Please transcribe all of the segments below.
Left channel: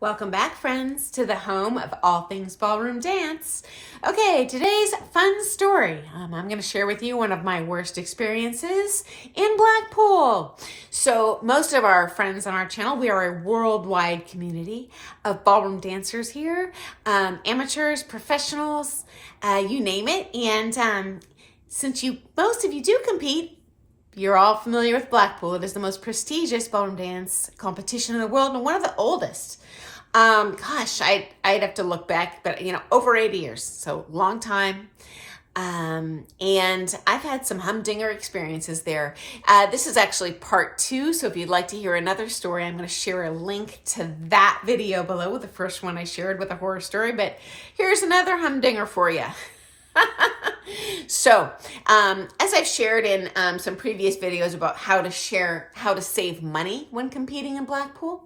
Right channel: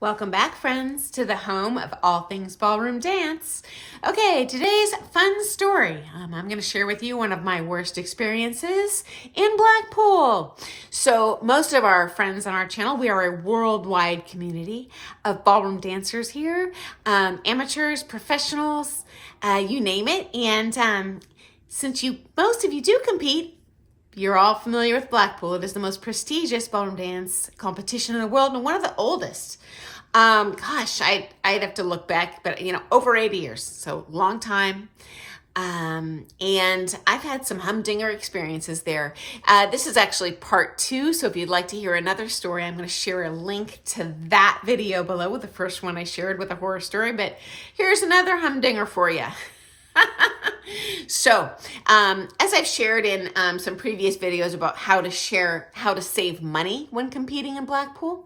Welcome back, friends, to the home of all things ballroom dance. Okay, today's fun story. I'm going to share with you one of my worst experiences in Blackpool. So most of our friends on our channel, we are a worldwide community of ballroom dancers here, amateurs, professionals, you name it. And since most of you do compete, you're all familiar with Blackpool. It is the most prestigious ballroom dance competition in the world and one of the oldest. I'd have to look back, but over 80 years, so long time. And I've had some humdinger experiences there. This is actually part 2. So if you'd like to hear another story, I'm going to share a link to that video below, the first one I shared with a horror story, but here's another humdinger for you. So, as I've shared in some previous videos about how to save money when competing in Blackpool,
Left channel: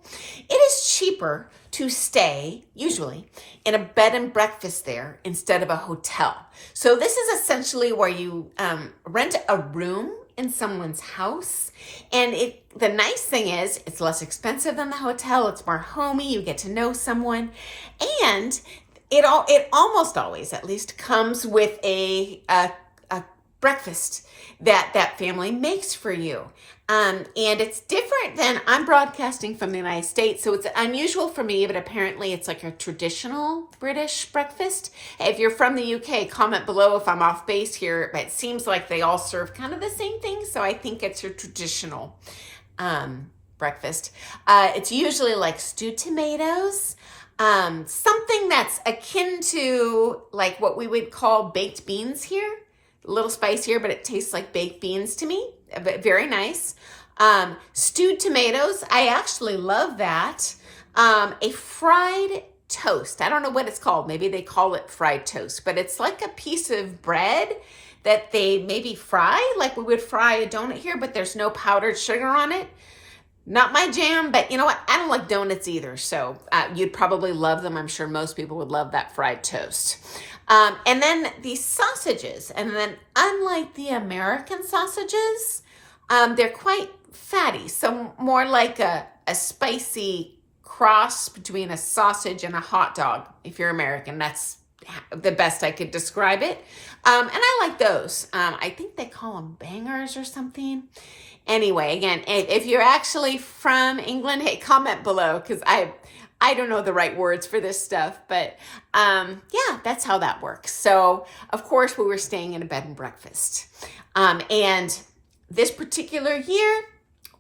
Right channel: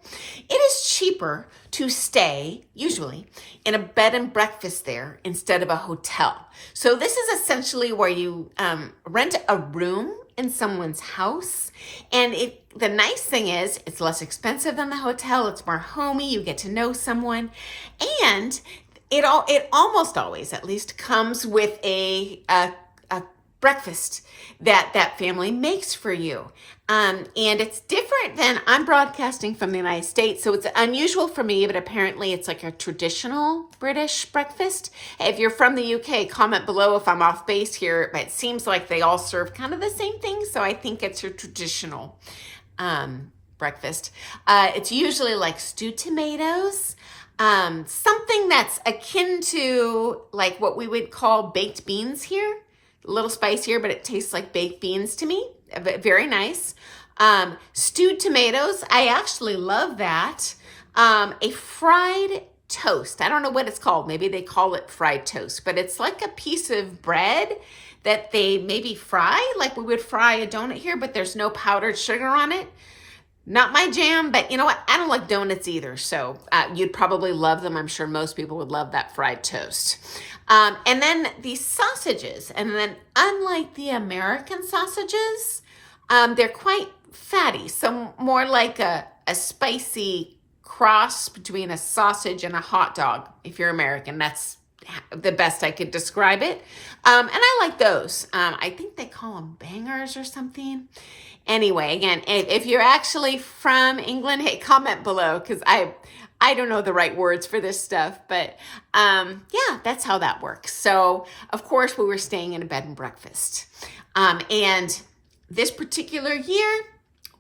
it is cheaper to stay, usually, in a bed and breakfast there instead of a hotel. So this is essentially where you rent a room in someone's house. And the nice thing is it's less expensive than the hotel. It's more homey. You get to know someone. And it almost always, at least, comes with a breakfast that family makes for you. And it's different than, I'm broadcasting from the United States, so it's unusual for me, but apparently it's like a traditional British breakfast. If you're from the UK, comment below if I'm off base here, but it seems like they all serve kind of the same thing, so I think it's a traditional breakfast. It's usually like stewed tomatoes, something that's akin to like what we would call baked beans here. A little spicier, but it tastes like baked beans to me. Very nice. Stewed tomatoes. I actually love that. A fried toast. I don't know what it's called. Maybe they call it fried toast, but it's like a piece of bread that they maybe fry, like we would fry a donut here, but there's no powdered sugar on it. Not my jam, but you know what? I don't like donuts either, so you'd probably love them. I'm sure most people would love that fried toast. And then these sausages, and then unlike the American sausages, they're quite fatty, so more like a spicy cross between a sausage and a hot dog. If you're American, that's the best I could describe it. And I like those. I think they call them bangers or something. Anyway, again, if you're actually from England, hey, comment below, because I don't know the right words for this stuff, but yeah, that's how that works. So, of course, we were staying in a bed and breakfast. And this particular year,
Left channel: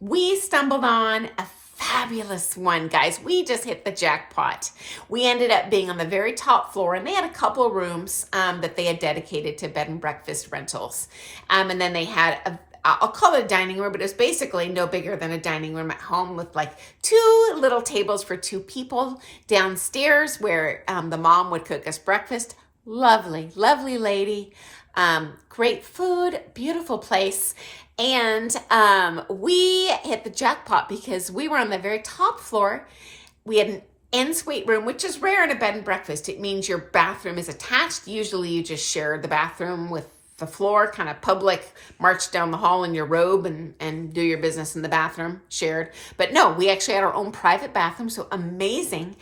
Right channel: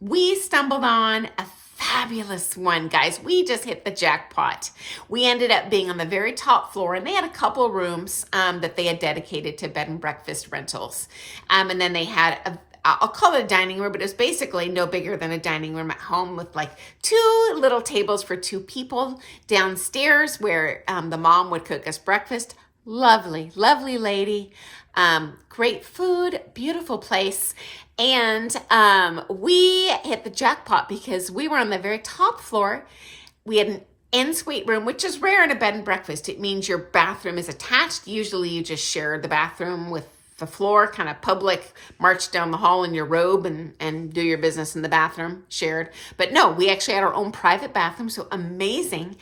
we stumbled on a fabulous one, guys. We just hit the jackpot. We ended up being on the very top floor, and they had a couple rooms that they had dedicated to bed and breakfast rentals. And then they had I'll call it a dining room, but it's basically no bigger than a dining room at home with like 2 little tables for 2 people downstairs where the mom would cook us breakfast. Lovely, lovely lady. Great food, beautiful place. And we hit the jackpot because we were on the very top floor. We had an en-suite room, which is rare in a bed and breakfast. It means your bathroom is attached. Usually you just share the bathroom with the floor, kind of public, march down the hall in your robe and do your business in the bathroom, shared. But no, we actually had our own private bathroom, so amazing.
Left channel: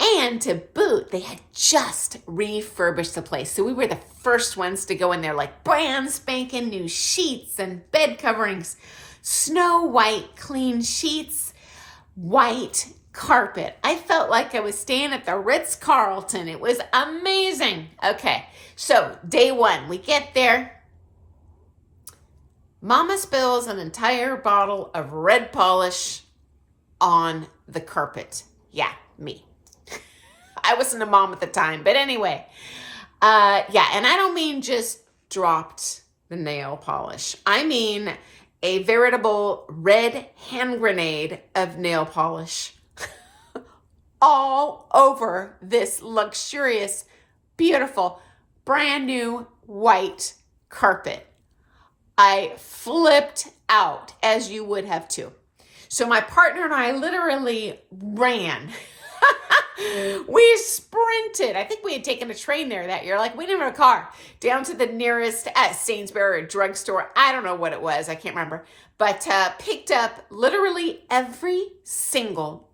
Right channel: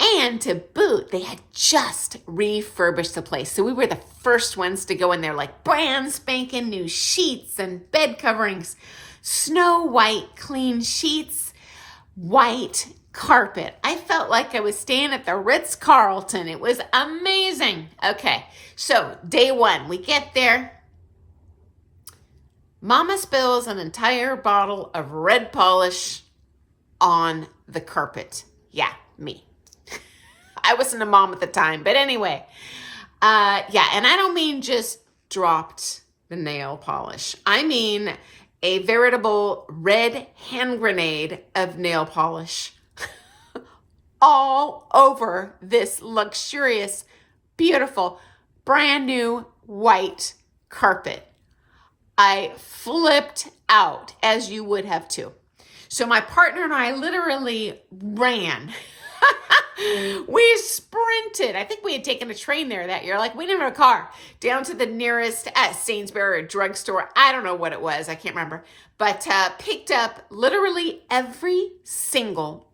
And to boot, they had just refurbished the place. So we were the first ones to go in there, like brand spanking new sheets and bed coverings, snow white clean sheets, white carpet. I felt like I was staying at the Ritz-Carlton. It was amazing. Okay, so day 1, we get there. Mama spills an entire bottle of red polish on the carpet. Yeah, me. I wasn't a mom at the time, but anyway. Yeah, and I don't mean just dropped the nail polish. I mean a veritable red hand grenade of nail polish all over this luxurious, beautiful, brand new white carpet. I flipped out, as you would have too. So my partner and I literally ran. We sprinted. I think we had taken a train there that year. Like, we didn't have a car. Down to the nearest Sainsbury or drugstore. I don't know what it was. I can't remember. But picked up literally every single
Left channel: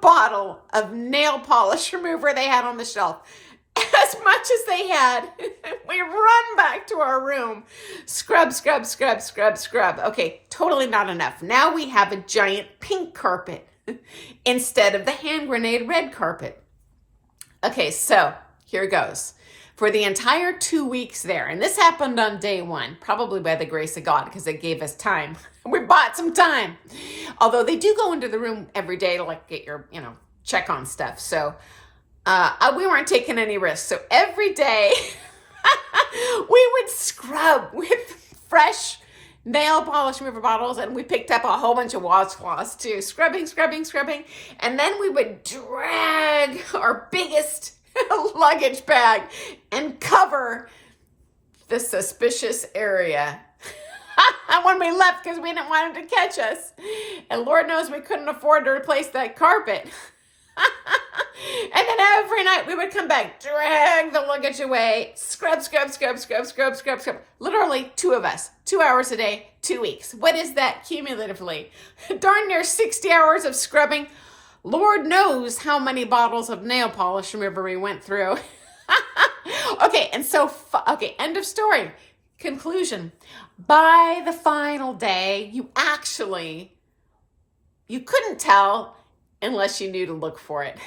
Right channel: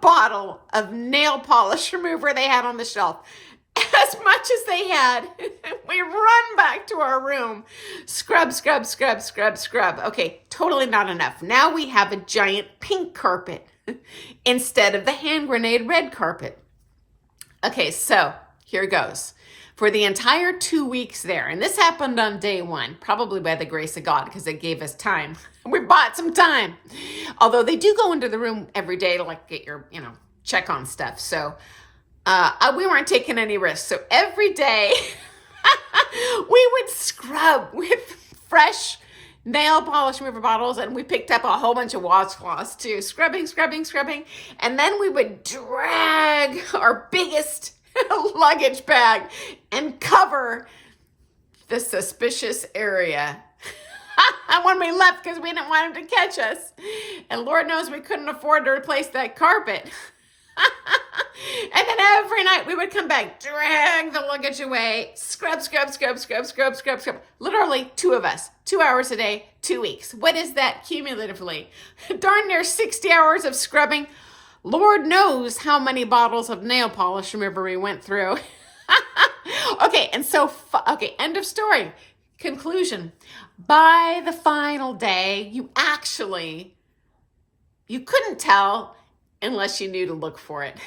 bottle of nail polish remover they had on the shelf. As much as they had, we run back to our room. Scrub, scrub, scrub, scrub, scrub. Okay, totally not enough. Now we have a giant pink carpet instead of the hand grenade red carpet. Okay, so here goes. For the entire 2 weeks there, and this happened on day one, probably by the grace of God, because it gave us time. We bought some time. Although they do go into the room every day to like get your, check on stuff. So we weren't taking any risks. So every day we would scrub with fresh nail polish remover bottles, and we picked up a whole bunch of washcloths too. Scrubbing, scrubbing, scrubbing. And then we would drag our biggest luggage bag and cover the suspicious area when we left, because we didn't want him to catch us. And Lord knows we couldn't afford to replace that carpet. And then every night we would come back, drag the luggage away, scrub, scrub, scrub, scrub, scrub, scrub, scrub. Literally 2 of us, 2 hours a day, 2 weeks. What is that cumulatively? Darn near 60 hours of scrubbing. Lord knows how many bottles of nail polish remover we went through. Okay, and so, end of story. Conclusion. By the final day, you couldn't tell unless you knew to look for it.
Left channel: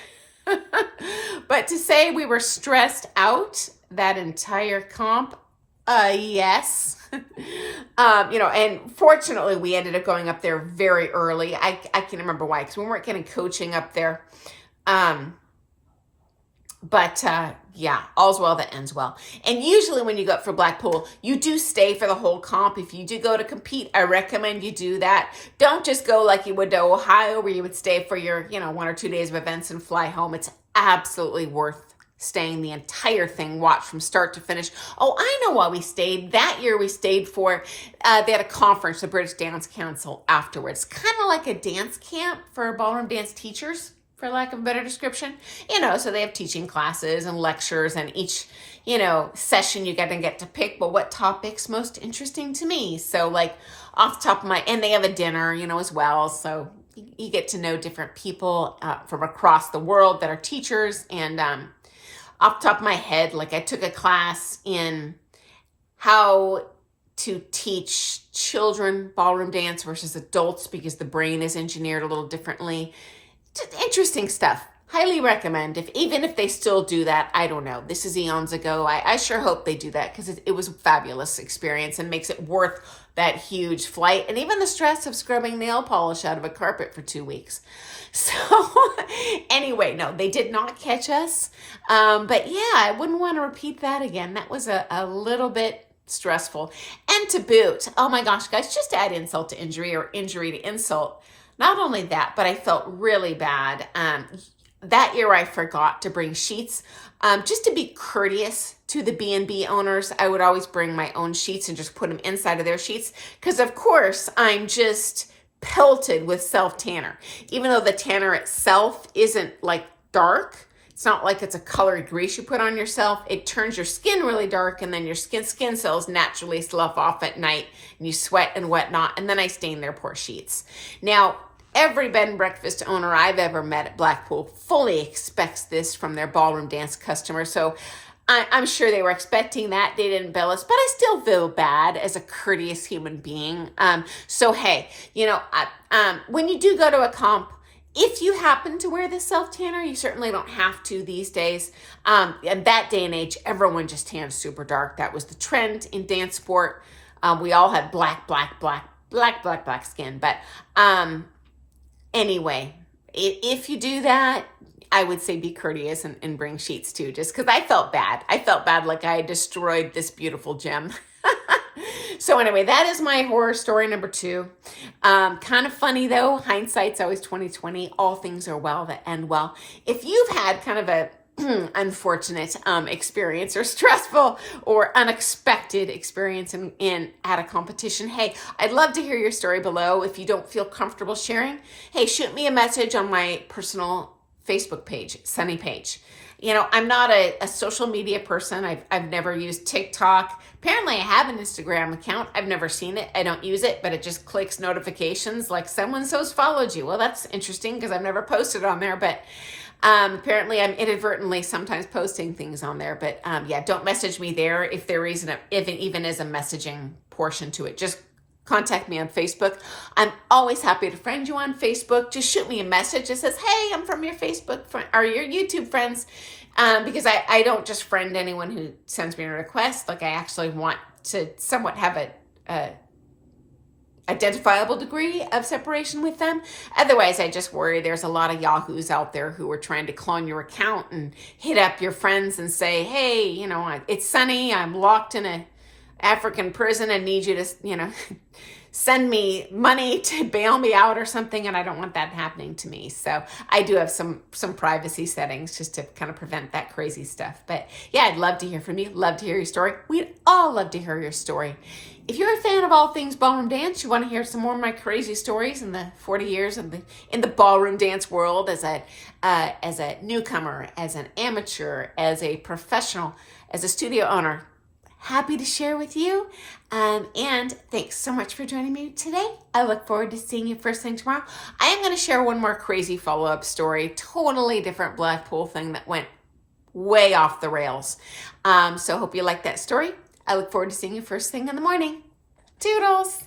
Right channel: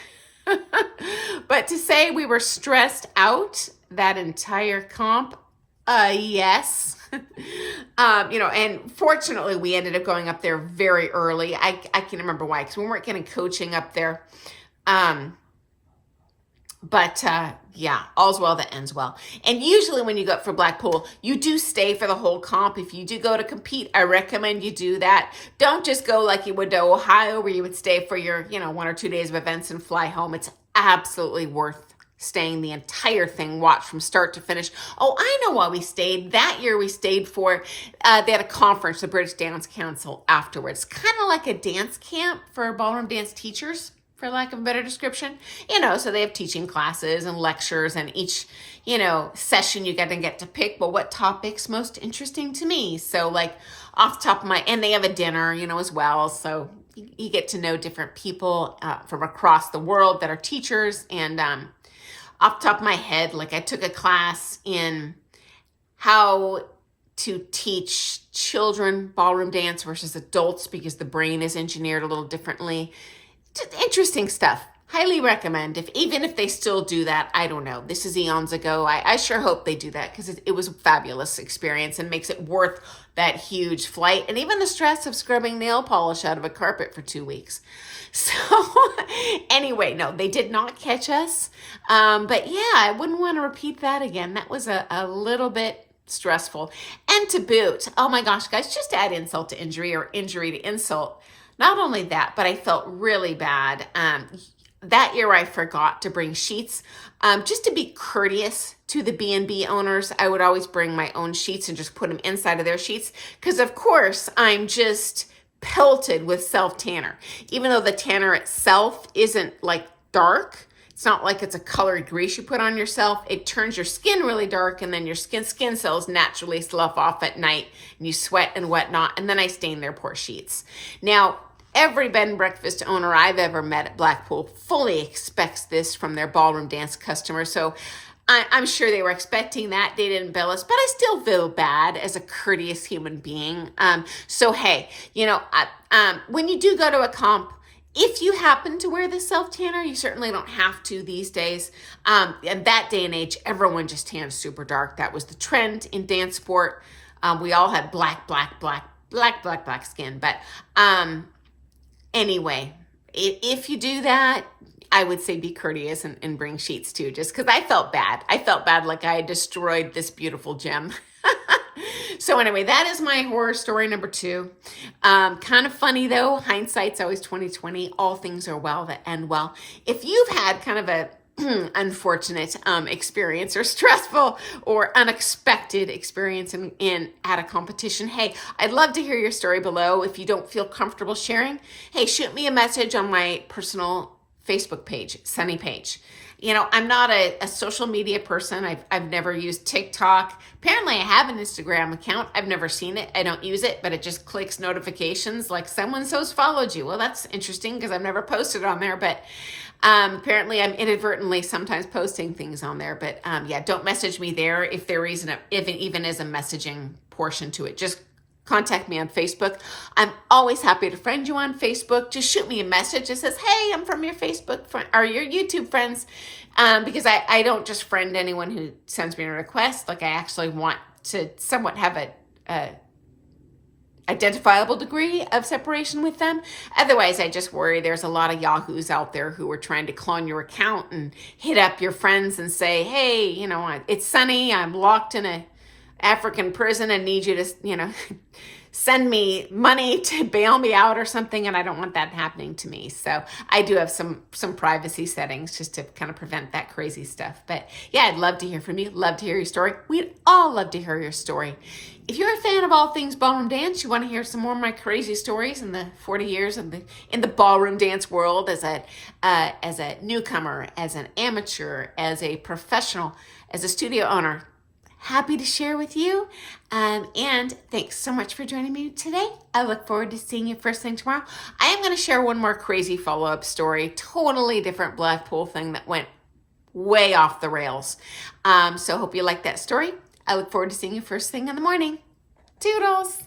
But to say we were stressed out that entire comp, yes. And fortunately we ended up going up there very early. I can't remember why, because we weren't getting coaching up there. But yeah, all's well that ends well. And usually when you go up for Blackpool, you do stay for the whole comp. If you do go to compete, I recommend you do that. Don't just go like you would to Ohio, where you would stay for your, 1 or 2 days of events and fly home. It's absolutely worth staying the entire thing, watch from start to finish. Oh, I know why we stayed. That year we stayed for, they had a conference, the British Dance Council afterwards. Kind of like a dance camp for ballroom dance teachers, for lack of a better description. So they have teaching classes and lectures, and each, session you get to pick, but what topic's most interesting to me. So like off the top of and they have a dinner, as well. So you get to know different people from across the world that are teachers. And off the top of my head, like I took a class in how to teach children ballroom dance versus adults, because the brain is engineered a little differently. Interesting stuff. Highly recommend. Even if they still do that, I don't know. This is eons ago. I sure hope they do that, because it was a fabulous experience and makes it worth that huge flight and even the stress of scrubbing nail polish out of a carpet for 2 weeks. So anyway, no, they did not catch us. But yeah, I wouldn't want to repeat that again. That was a little bit stressful. And to boot, oh my gosh, guys, just to add insult to injury, or injury to insult. Not only that, but I felt really bad. That year I forgot to bring sheets. Just to be courteous to the B&B owners, I would always bring my own sheets and just put them inside of their sheets. Because of course, I'm just pelted with self-tanner. Even though the tanner itself isn't like dark, it's not like it's a colored grease you put on yourself. It turns your skin really dark, and then your skin cells naturally slough off at night, and you sweat and whatnot, and then I stain their poor sheets. Now, every bed and breakfast owner I've ever met at Blackpool fully expects this from their ballroom dance customers. So I'm sure they were expecting that. They didn't bill us, but I still feel bad as a courteous human being. So hey, when you do go to a comp, if you happen to wear the self-tanner, you certainly don't have to these days. In that day and age, everyone just tanned super dark. That was the trend in dance sport. We all had black skin. But anyway, if you do that, I would say be courteous and bring sheets too, just because I felt bad. I felt bad, like I had destroyed this beautiful gem. So anyway, that is my horror story number 2. Kind of funny though. Hindsight's always 20/20. All things are well that end well. If you've had kind of a unfortunate experience, or stressful or unexpected experience at a competition, hey, I'd love to hear your story below. If you don't feel comfortable sharing, hey, shoot me a message on my personal Facebook page, Sunny page. You know, I'm not a social media person. I've never used TikTok. Apparently I have an Instagram account. I've never seen it. I don't use it, but it just clicks notifications like someone's followed you. Well, that's interesting because I've never posted on there, but apparently I'm inadvertently sometimes posting things on there. But yeah, don't message me there if there isn't even is a messaging portion to it. Just contact me on Facebook. I'm always happy to friend you on Facebook. Just shoot me a message that says, hey, I'm from your Facebook or your YouTube friends. Because I don't just friend anyone who sends me a request. Like I actually want to somewhat have a identifiable degree of separation with them. Otherwise, I just worry there's a lot of yahoos out there who are trying to clone your account and hit up your friends and say, hey, you know, it's Sunny. I'm locked in a African prison and need you to, you know, send me money to bail me out or something, and I don't want that happening to me. So I do have some privacy settings just to kind of prevent that crazy stuff. But yeah, I'd love to hear from you. Love to hear your story. We'd all love to hear your story. If you're a fan of all things ballroom dance, you want to hear some more of my crazy stories in the 40 years in the ballroom dance world as a newcomer, as an amateur, as a professional, as a studio owner, happy to share with you. And thanks so much for joining me today. I look forward to seeing you first thing tomorrow. I am going to share one more crazy follow-up story, totally different Blackpool thing that went way off the rails. So hope you like that story. I look forward to seeing you first thing in the morning. Toodles!